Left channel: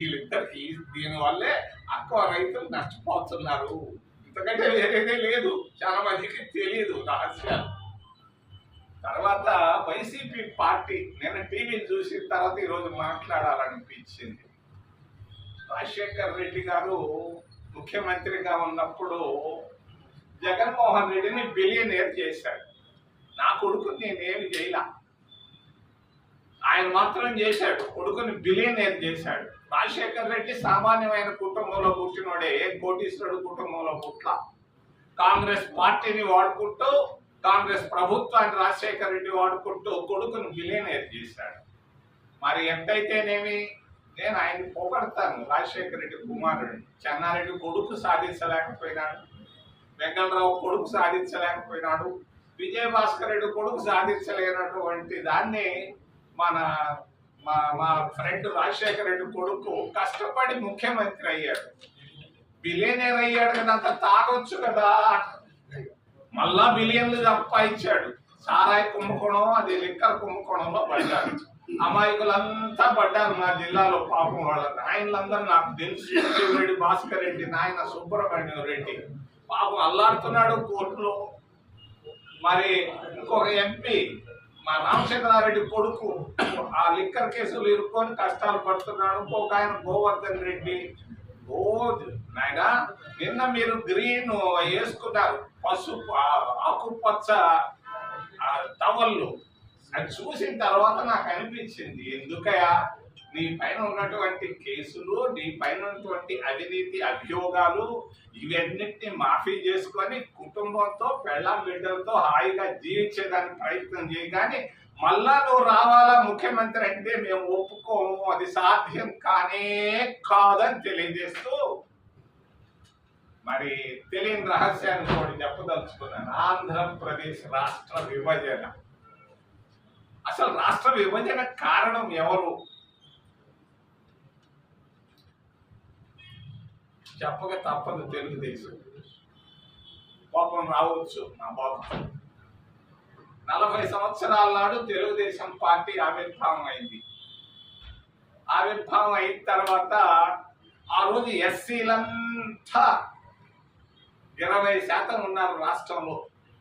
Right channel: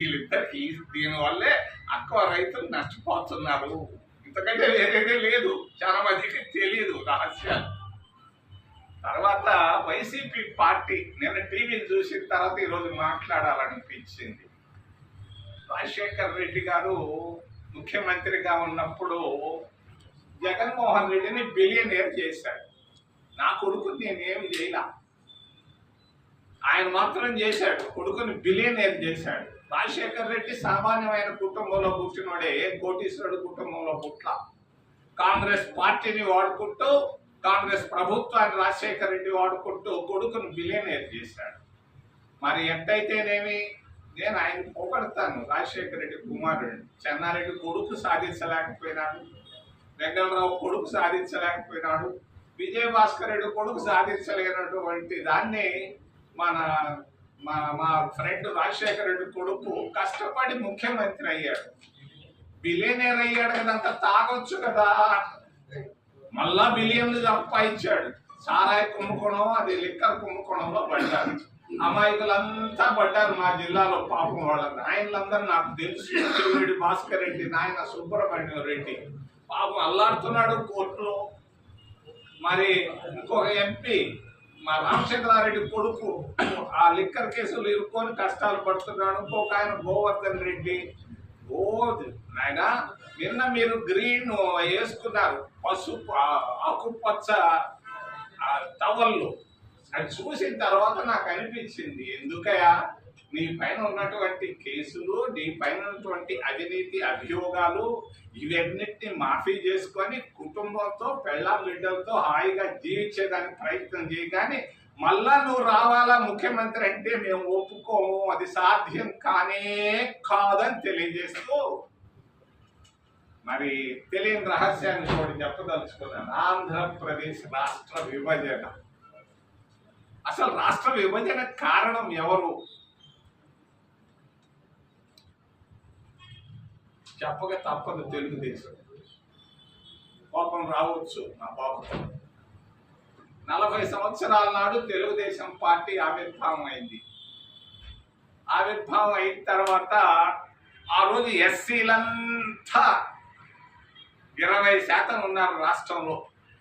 వీళ్ళిద్దరికి దీనివల్లే అక్కువ రైతులు నష్టపోతున్నారు. ఇంతకంటే వేరేదే లేదు. చాలా మందికి తెలియదు రహస్యాలు. తర్వాత వైసీపీ పార్టీ నిన్న టీవీని చూసిన తర్వాత ఈరోజు మాట్లాడాలనిపించింది. రాజశేఖర్ రెడ్డి గారు ముఖ్యమంత్రిగా ఉన్నప్పుడు జగన్మోహన్ రెడ్డిని బిలియనేర్ చేశాడు. నా కొడుకు నేనేమి చేయలా? ఆయన మాత్రం చేశాడు. కొడుకుని బిలియనేర్ చేశాడు. రాజశేఖర్ రెడ్డి సామాన్యమైన కుటుంబంలో పుట్టినోడే కోటీశ్వరుడు కుటుంబంలో పుట్ల. కాంగ్రెస్ పార్టీని వాడుకుంటూ కాంగ్రెస్ ప్రభుత్వాన్ని రాజశేఖర్ రెడ్డి వాడుకుంటూ కొడుకును బిలియనేర్ చేశాడు. మరి ఎంతైతేనేమి నేను ఆయన పోగొడతాను. రాజశేఖర రెడ్డి కుమారుడిని చెన్నారెడ్డి కొడుకు సాధించలేకపోయినాడు. వెంకటరావు కొడుకు సాధించలేకపోయినాడు. విజయభాస్కర్ రెడ్డి కొడుకు సాధించలేనటువంటి దాన్ని మన మా మా ఫ్రెండ్ రాజశేఖర రెడ్డి కొడుకు కష్టపడి ముఖ్యమంత్రి అయ్యాడు. బిలియనేర్ అయ్యాడు కదా అంత తాగొచ్చు కదా. మళ్ళా బిలియన్లు సంపాదించాడు సారాయి కుంభకోణం అది లిక్కర్ కుంభకోణంలో పడ్డారు అమాయకులంతా పడ్డారు మా జిల్లాలో పాపం వాళ్ళ నాయనలందరూ నాకు తెలుసు. చెవిరెడ్డి భాస్కర్ రెడ్డి నాయన సుబ్రహ్మణ్యం రెడ్డి. పాపం అల్లాడుతున్నాడు కోర్టులో. మరి ఇంకొక ఎంపీ మా రామచంద్రారెడ్డి కొడుకు ఆ లిక్కర్ కేసులు ఇరుక్కొని కష్టాలు పడుతున్నాడు. ఇంకొక ఆయన గోవర్ధన్ రెడ్డి. ఓ నాయన నిన్న మీరు గ్రీన్ వేసుకున్నారు. పసుపు ఆకుపచ్చ ఆ టవల్లు. అది చూసిన తర్వాత నాకు అనిపించింది. ఎందుకయా నీ పైన ఉన్నటువంటి కేసులు నీ పైన ఉన్నటువంటి అవినీతి అభియోగాలు ఇవన్నిటిని మాఫీ చేసుకొని కుటుంబంతో పెళ్ళ బిడ్డలతో హాయిగా జీవించేదానికి ప్రయత్నం చేయగానే మళ్ళా నువ్వు రావాలా ముఖ్యమంత్రి అంటే మేము ఒప్పుకోము అది సాధ్యం కానే కాదని తెలియజేస్తూ మరి తెలియని రహస్యాన్ని కూడా చెప్పదలుచుకున్నాను. ఆంధ్రప్రదేశ్ రాష్ట్ర విభజన. అసలు రాష్ట్ర విభజన కారణం ఎవరు? చెప్పక తప్పదు తెలుగుదేశం. కోపం రావచ్చు నా బాబు నలభై సంవత్సరాల నాడు తెలుగుదేశం పార్టీ ఆవిర్భావం అయింది. ఆవిర్భావం అయిన తర్వాత ఆ రోజు ఎస్సీలంతా ఇరవై శాతం ఉన్నారు రాష్ట్రంలో.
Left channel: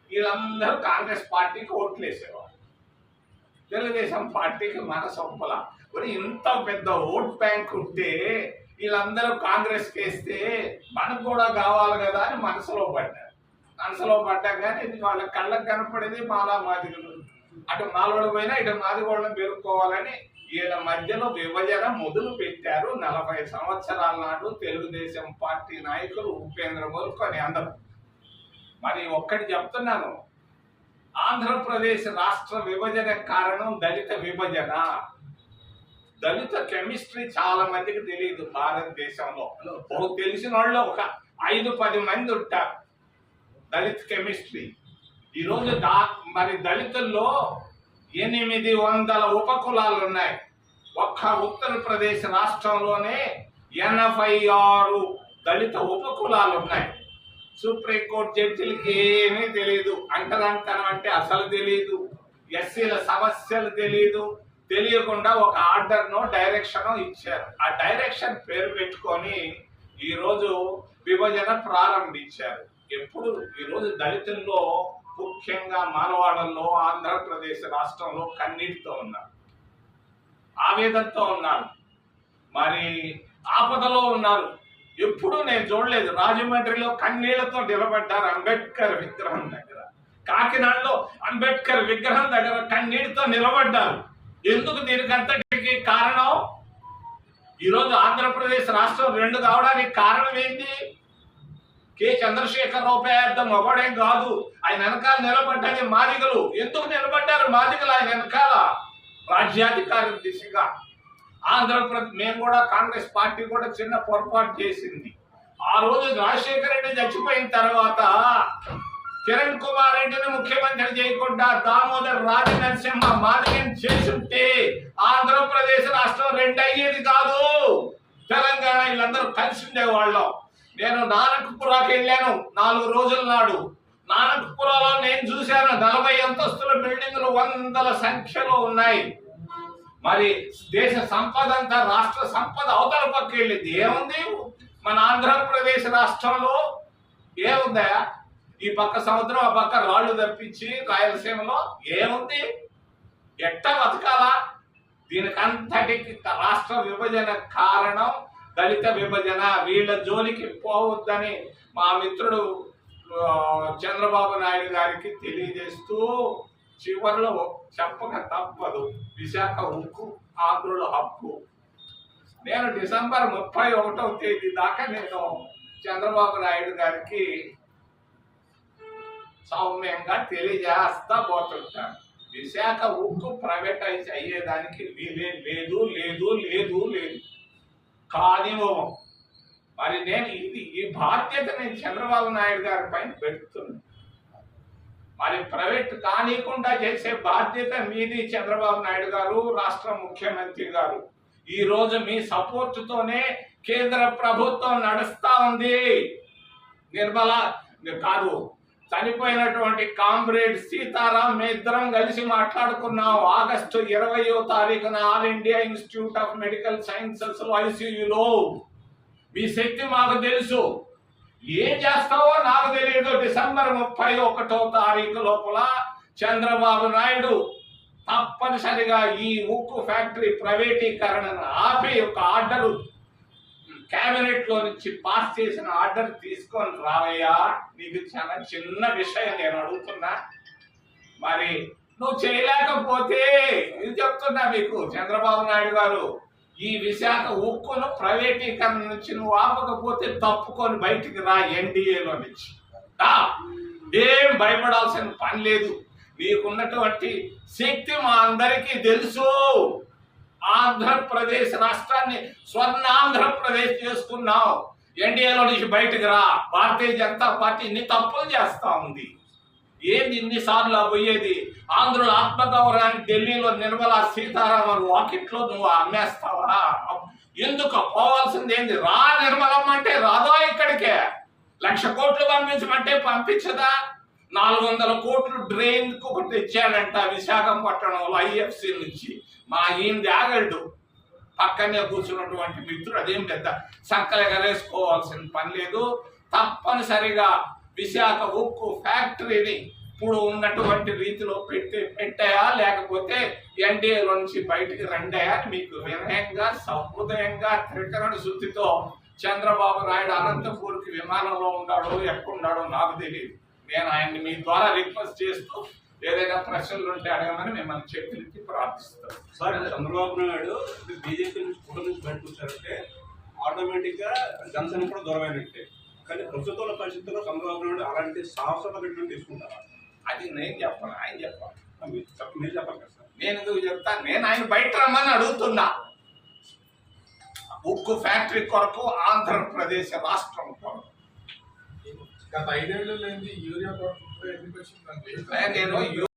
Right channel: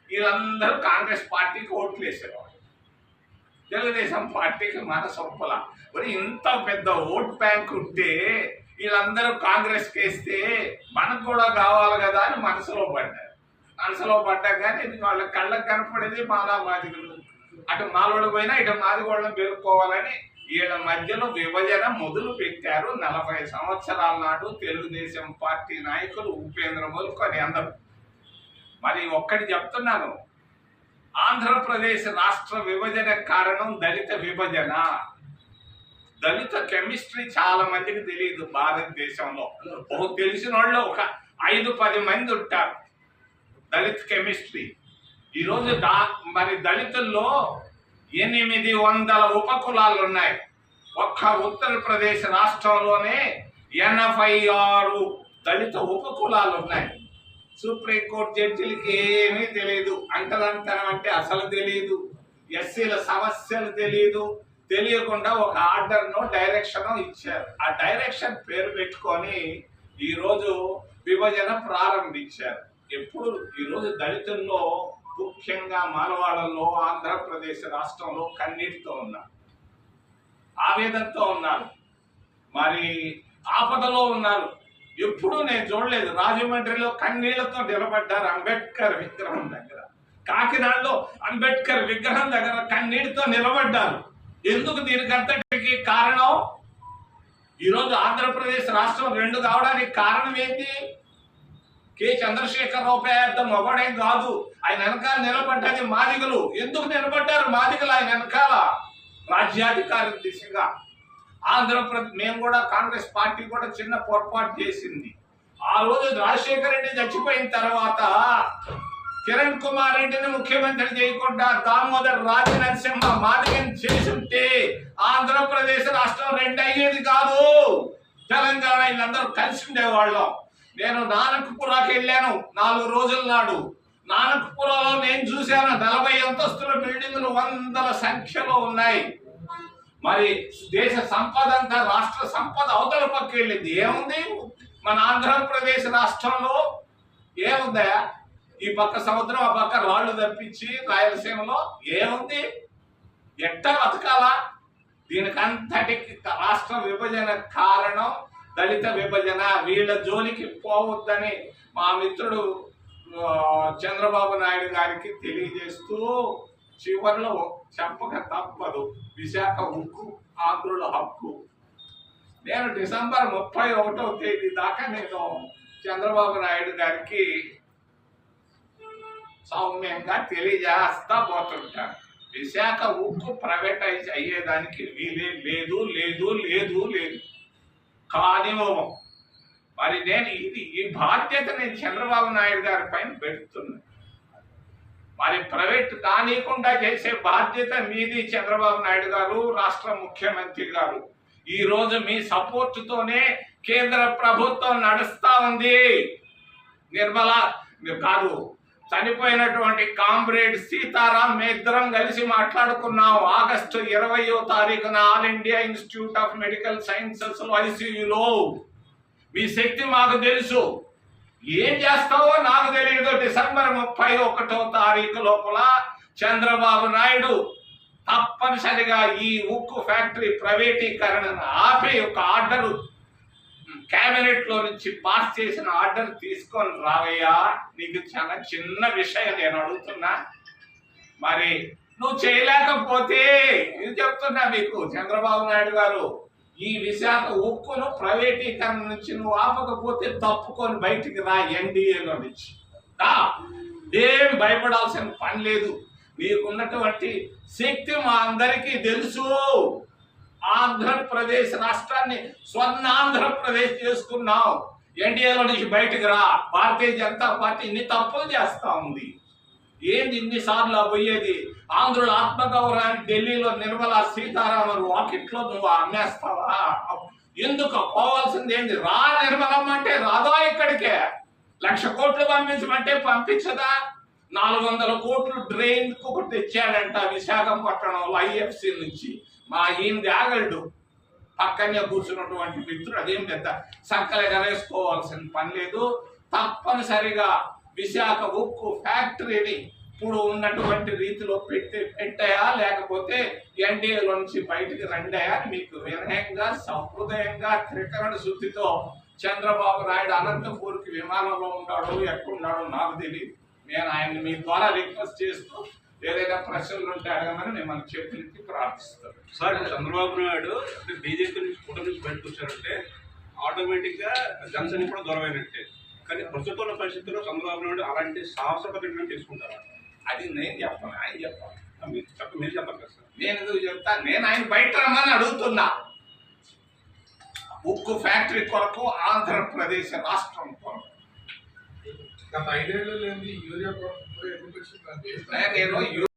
వీళ్ళందరూ కాంగ్రెస్ పార్టీకి ఓట్లు వేసేవారు తెలుగుదేశం పార్టీకి మనసొప్పల మరి ఇంత పెద్ద ఓట్ బ్యాంక్ ఉంటే వీళ్ళందరూ కాంగ్రెస్ వేస్తే మనకు కూడా కావాలి కదా అని మనసులో పడ్డారు. మనసులో పడ్డా కానీ వాళ్ళ కళ్ళకు కనపడేది మాలా మాదిగలు అటు మాలోడు పోయినా ఇటు మాదిగోళ్ళని పెరుక్కోవాలని వీళ్ళ మధ్యలో విభజన మొదలు పెట్టారు. నలభై సంవత్సరాల నాడు తెలుగుదేశం పార్టీ నాయకులు ఉపేంద్ర మొదలుకొని అందరూ. మరి ఒక్కటి చెప్తున్నాను. ఆంధ్రప్రదేశ్ రాష్ట్ర విభజన కారణం దళిత విభజన. దళిత కెమిస్ట్రీ చాలా మందికి తెలియదు భారతదేశంలో. ఒక తెలిసిన వాళ్ళు ఒక ఐదు పది మంది ఉంటారు దళిత్ కెమిస్ట్రీ. ఈరోజు దా మరి దళితుల్లో ఎనిమిది వందల ఉపకులాలు ఉన్నాయి. ఒక్క ఉత్తరప్రదేశ్ రాష్ట్రంలోనే ఎనభై ఆరు దళిత ఉపకులాలు ఉన్నాయి. సుప్రీంకోర్టు జడ్జిలకి ఏమీ తెలియదు. అంటదంతనం అంటే అసలు తెలియదు. ఎస్సీల సమస్యలు తెలియదు. తెలియకుండా ఒక ఆర్డర్ను డైరెక్షన్ ఇచ్చారు. ఆ డైరెక్షన్ పేరు పెట్టుకొని ఈరోజు విభజన ప్రారంభించారు. ఎప్పుడు? ఈరోజు దళితుల్లో ముఖ్యంగా మానవాడల్లో ఆంధ్రప్రదేశ్ రాష్ట్రంలో కన్నీటితో ఉన్నారు. ఆవేదనతో ఉన్నారు. మరి ఆపదలో ఉన్నారు. ఎప్పుడు నేను చూడలేదు. రాజమండ్రిలో కన్నీళ్ళతో నిలబడ్డారు అంబేద్కర్ విగ్రహం దగ్గర. కాకినాడలో అంబేద్కర్ విగ్రహం దగ్గర కన్నీటితో నిలబడ్డారు. ఎందుకు దీనికంతటికి కారణం? ఈరోజు ఆంధ్రప్రదేశ్ రాష్ట్రం రెండు కావడానికి కారణం ఏంటి? కె. చంద్రశేఖరరావు పెద్ద మొగడేం కాదు. ఆయన వెనకాల నిలబడ్డది మాదిగలు. ఎందుకు నిలబడ్డారు మాదిగలు? ఆయన వెనకాల రాజ్యాధికారి దిశగా. ఆంధ్రప్రదేశ్ మేము కూడా కాంగ్రెస్ పార్టీ కూడా చిన్న పొరపాటు చేసింది. ఆ రోజు రాజశేఖర రెడ్డి చచ్చిపోయిన తర్వాత కిరణ్ కుమార్ రెడ్డిని ముఖ్యమంత్రి చేయకుండా దామోదర్ రాజనరసింహ మాదిగం చేసుంటే ఆంధ్రప్రదేశ్ రాష్ట్రం రెండు అయ్యేది కాదు. తెలంగాణ వీళ్ళందరూ కలిసి ఉండేవాళ్ళం. నేను నానక్పురాకి వెళ్ళాను నాలుగు రోజుల నాడు. నానక్పురాలో నేను చూశాను నలభై అంతస్తుల బిల్డింగ్లు వందల సంఖ్యలో ఉన్నాయి. మరి దేశ సంపద అంతా రాష్ట్ర సంపద అవతల పక్క వెళ్ళింది. ఏముంది? మన ఆంధ్రప్రదేశ్ రాష్ట్రంలో ఏముందా? ఈ పక్క సముద్రం ఆ పక్క రాళ్ళు తప్పించి రాయలసీమలో ఏముంది? ఎట్ట బతకాలా? దీనికంతటికి రాష్ట్ర విభజన కారణం దళిత విభజన. వీళ్ళ జోలికి పోవద్దని మా మిత్రుడు చంద్రబాబు నాయుడు గారికి తెలియజేస్తూ చివరిలో చెప్పక తప్పదు. విశాఖ ఉక్కు ఆంధ్రుల హక్కు. నేను డిసెంబర్ ముప్పై ఒకటో తేదీ దాకా నేను చంద్రబాబు నాయుడు గారికి సౌమ్యంగా తెలియజేస్తా పోతుంటాను విశాఖ ఉక్కు ప్రైవేటైజ్ అయ్యేదానికి వీలే లేదు లేదు లేదు లేదు. కానివ్వము మరి నేను ఇది ఈ బాధ్యత నేను చంద్రబాబు నాయుడు గారి పైన పెడుతున్నా. మరి ప్రైవేట్ కానీకుండా చేసే బాధ్యత మీది చంద్రబాబు నాయుడు గారు రాష్ట్ర ముఖ్యమంత్రి గారు. ఈ రోజు మీ సపోర్టుతోనే కేంద్ర ప్రభుత్వం నడుస్తా ఉంది. నిర్మలా కాదు చనిపోయినటువంటి కామ్రేడ్ సీతారాం మేద్దరం కలిసి మాట్లాడుకున్నాం. ఆగస్టు ఇరవయో తారీఖున all India institute of medical సైన్సెస్లో ఐసీయూలో. మీ శక్తి మాకు తెలుసు. ఏం చేస్తావో నాకు తెలియదు డిసెంబర్ ముప్పై ఒకటో తారీఖు లోపల చంద్రబాబు నాయుడు తప్పనిసరిగా ఈ ఉక్కు ఫ్యాక్టరీ ప్రైవేటీకరణను ఆపి ఒక ఆర్డరు కేబినెట్లో నుంచి పాస్ చేసిన ఆర్డర్ తీసుకొని రావయ్యా నీకు చాలా చిన్న విషయం నేను అడుగుతున్నా. మరి నువ్వు చేయలేకపోతే ఇది చెప్తున్నా మీకు చంద్రబాబు నాయుడు గారు ఈ విశాఖ ఉక్కును ప్రైవేటీకరణ నుంచి నువ్వు ఆపకపోతే తప్పుకొని బయటికి రా ఎన్డీఏలో నుంచి. ఏం భయపడాల్సిన పని లేదు. నీకున్నటువంటి శక్తి మా అందరికీ తెలుసు. ఆంధ్రప్రదేశ్ రాష్ట్రాన్ని స్వర్ణ ఆంధ్రప్రదేశ్ చేసుకున్నావు. ఎన్డీఏలో నుంచి బయటకు రా. భారతీయ జనతా పార్టీ ఇన్ని తప్పులు చేస్తా ఉంది. ఏంది ఇన్నిసార్లు పోయేది? ఆంధ్రుల ఆత్మగౌరవాన్ని ఢిల్లీలో నిర్మలా సీతారామన్ వాకిట్లో నువ్వు అమ్మేస్తావా? ఎందుకు పోవాల్సింది ఏంది? రా నిర్మలం అంటే రాదా ఇక్కడికే? లక్ష కోట్లు పంపించమంటే పంపించదా? నాలుగు వందల కోట్లు డ్రైన్ ఒకటి తెచ్చాడంట విశాఖపట్నంలో ఐఎఫ్సి నుంచి. మా ఈయన ఆగల్డు పక్కనే కూర్చున్నటువంటి మిత్రుడు అదేం పెద్ద సంకల ఎగరేసుకోవాల్సిన పని లేదు. తప్పనిసరిగా విశాఖ ఉక్కు ఫ్యాక్టరీని ఇప్పుడు ఉన్నటువంటి రీతిలో పెట్టి పెట్టాయా? లేకపోతే ఎన్డీఏలో నుంచి బయటికి రండాయా అని మీకు వినయంగా సహృదయంగా త్రికరణ శుద్ధితో చంద్రబాబు నాయుడు అనంతపూర్కి విమానంలో ఉన్నాడో ఎక్కడున్నాడో నాకు తెలియదు నేను ఆయన్ని మీ ద్వారా రిక్వెస్ట్ చేస్తూ ఏదైనా ప్రశ్నలు ఉంటే అడగమని మిమ్మల్ని చెప్పి ప్రార్థిస్తాను సార్ చంద్రబాబు నాయుడు బీజేపీ నుంచి కూటమి నుంచి బయటకు వచ్చారంటే ఆటోమేటిక్గా జనసేన కూడా దూరం అయినట్టే కానీ ప్రస్తుతం ఉన్న పరిస్థితుల్లో చంద్రబాబు నాయుడు అలాంటి సాహస ప్రకటన తీసుకుంటారా? అది నేను చెప్పను ఆయన చెప్పాలి. మీరు చెప్ప మీరు చెప్పాలి కదా సార్. నేను ఎందుకు చెప్తా? నేను ఆయన బయట రమ్మని అడుగుతున్నా. ఉక్కు ఫ్యాక్టరీ కొరకు ఆంధ్రప్రదేశ్ రాష్ట్రం కొరకు. గత ఐదేళ్ళు లేని యూరియా వచ్చిందంటే నేను